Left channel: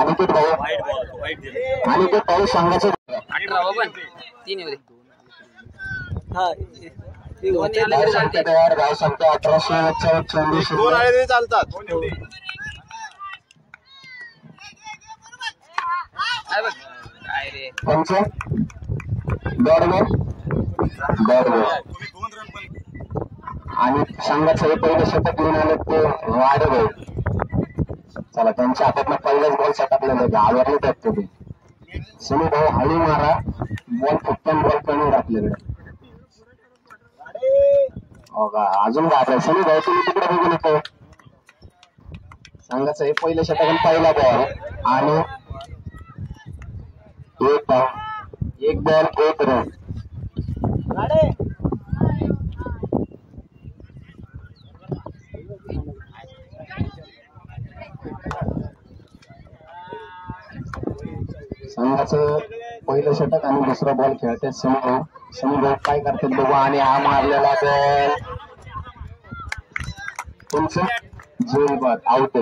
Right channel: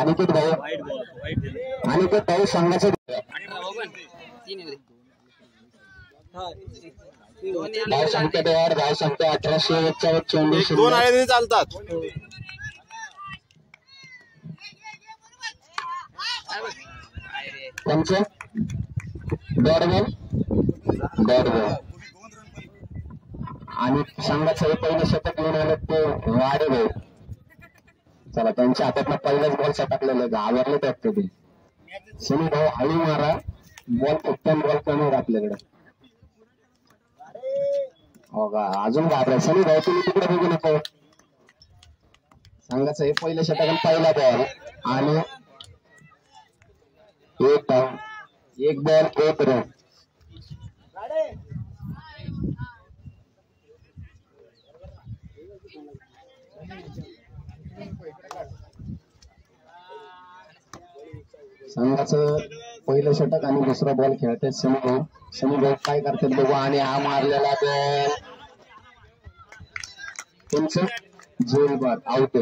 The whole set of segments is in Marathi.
अनिकेत भाऊ अनिकेत भाऊ संघाचा धाव संख्या 1844 चालतात. पंच आणि संघाचं पहिलं शतक घेऊन आले ते वाढव. चला त्यांच्या हातातला पहिलाच बॉल सटकलेला आहे. आवरले त्यात तुम्ही सनी भाऊ हळू मारा. बॉल फक्त बॉल कमी आपल्याकडे हो का. अजून घाबराय सनी भाऊ तुम्ही तिकडे बघू नको. संघाचं हे पहिलं शतक पहिला बॉल आणि एक बॉल एक रन. संघाचं पहिलं षटक आणि दुसरा बॉल खेळतात सनी भाऊ काय करतात बघू. आणि हा मारलेला बॉल तुमचं जीवन आउट.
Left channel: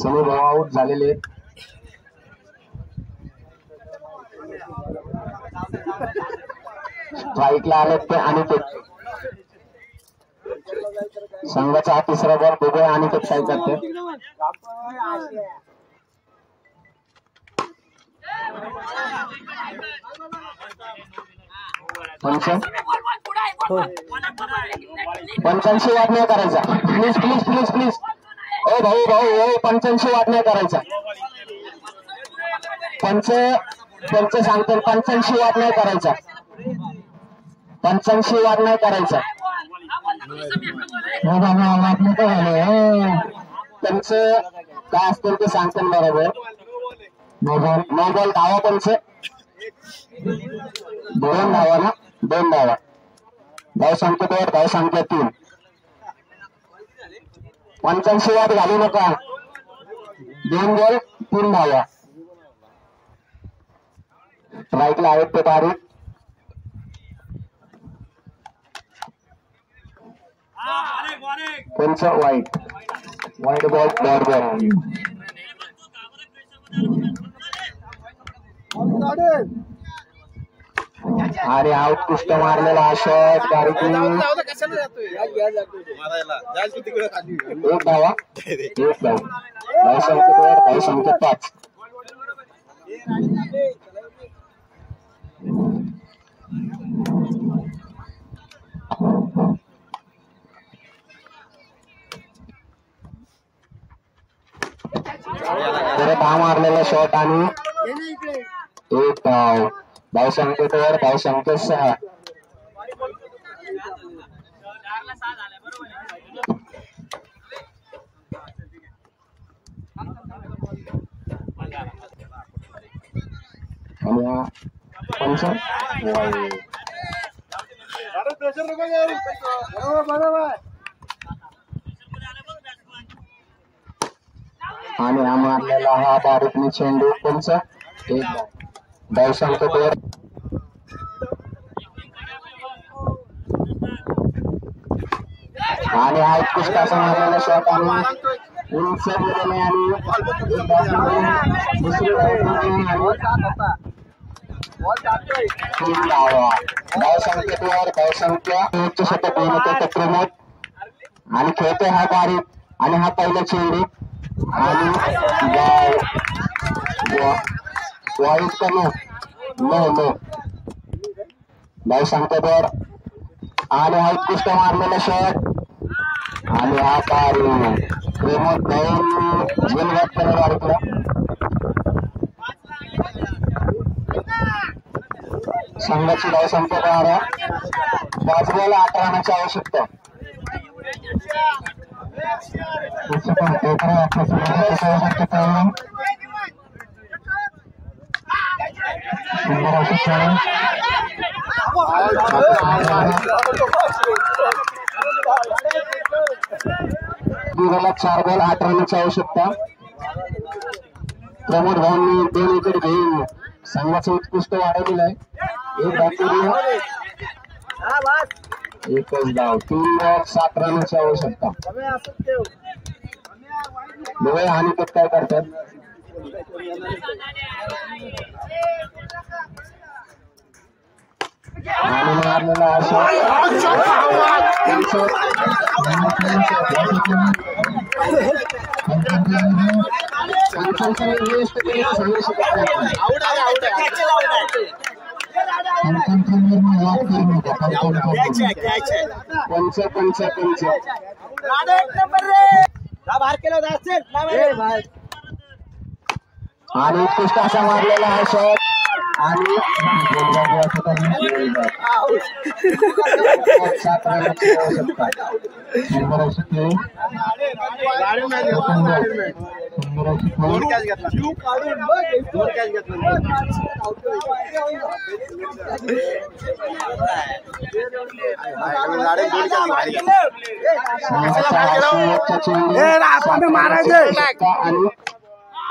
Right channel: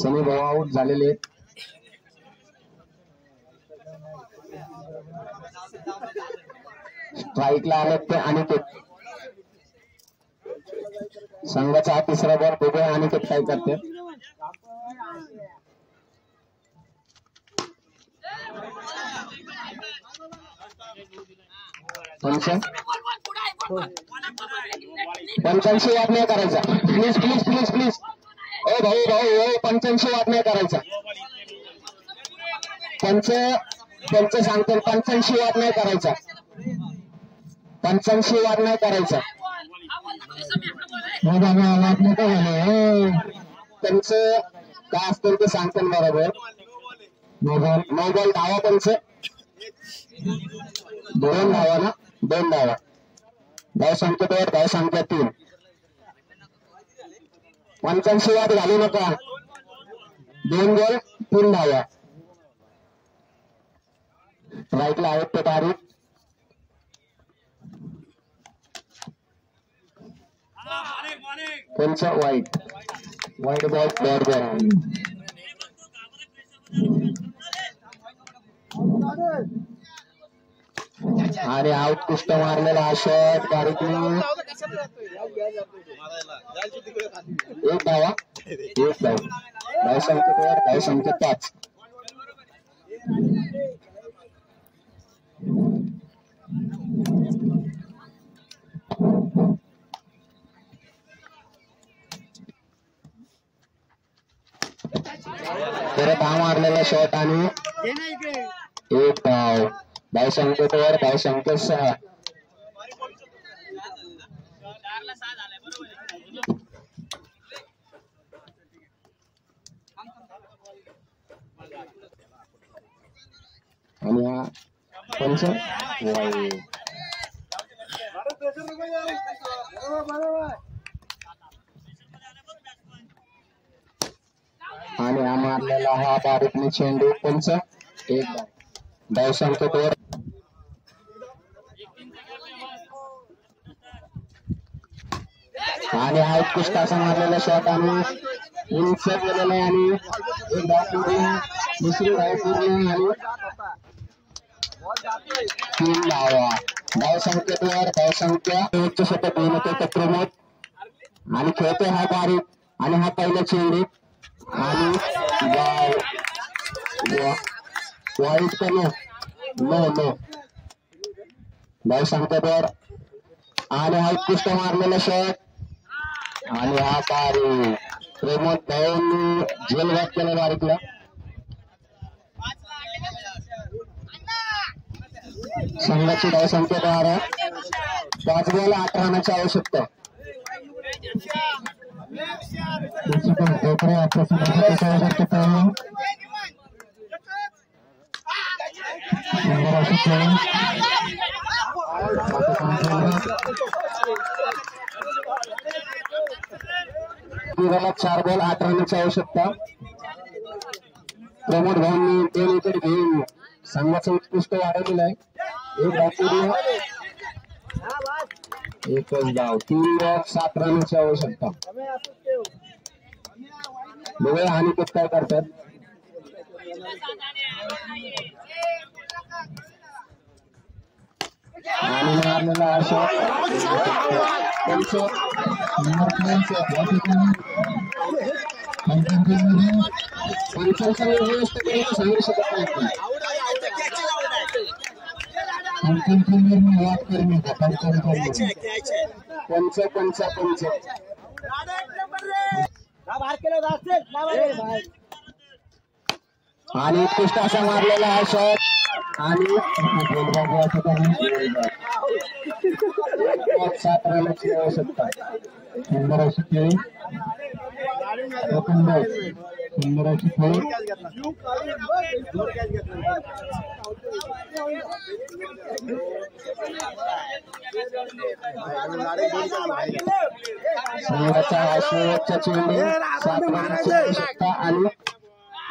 सनी भाऊ आउट झालेले. स्ट्राईकला आले ते आणि ते संघाचा हा तिसरा बॉल बघूया आणि ते काय करते. पंच्याऐंशी वाद नाही करायचा. प्लीज प्लीज प्लीज प्लीज ओ भाऊ भाऊ 85 वाद नाही करायचा. पंच सांगतो 85 वाद नाही करायचा. 85 वाद नाही करायचा. वाद नाही करायला. त्यांचं काय असतं ते सांगतात बरोबर. नो बॉल धावा पंच. 2 धावा ना 2 धावा. धाव संख्येवर धाव संख्या 3. 85 वाद घालू नका. 2 बॉल 3 धावा. स्ट्राईकला आहेत ते बारीक. पंच वाईट बॉल बॉल अरे आउट कुष्ट मारलेला हा शॉट बारीक. एक धावा धाव संख्येवर धाव संख्या 5. परत हा मारलेला शॉट आणि एक धाव. धाव संख्येवर धाव संख्या 6. पंच आणि हा मारलेला हा बारीकने चेंडू पंच. एक धाव संख्येवर आणि हा उत्कृष्ट मारलेला शॉट आणि उंच गेलेला आणि धाव संख्येवर धाव संख्या उच्च शतक होते प्रमोद आणि खेळतोय हा बारीक आणि हा पहिला चेंडू वाईट का नो नो धाव संख्येवर आणि हा उत्कृष्ट मारलेला शॉट आणि हा बारीक प्रमोद भाऊ जीवनघात केला बारीकला. संघाची धाव संख्या 12. 5 बॉल 8 रनाची आवश्यकता. दिवाला 4 बॉल 8 रनाची आवश्यकता. प्रमोद भाऊंनी 2 विकेट घेऊन संघाचं उत्कृष्ट वाढवलेलं आहे. एकच धाव. 3 बॉल 7 रनाची आवश्यकता. बघूया आणि काय करतात. आणि मारलेला आणि उत्कृष्ट असा मारलेला हा शॉट आणि 7 रनची आवश्यकता.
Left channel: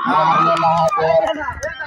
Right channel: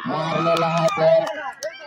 मारलेला हा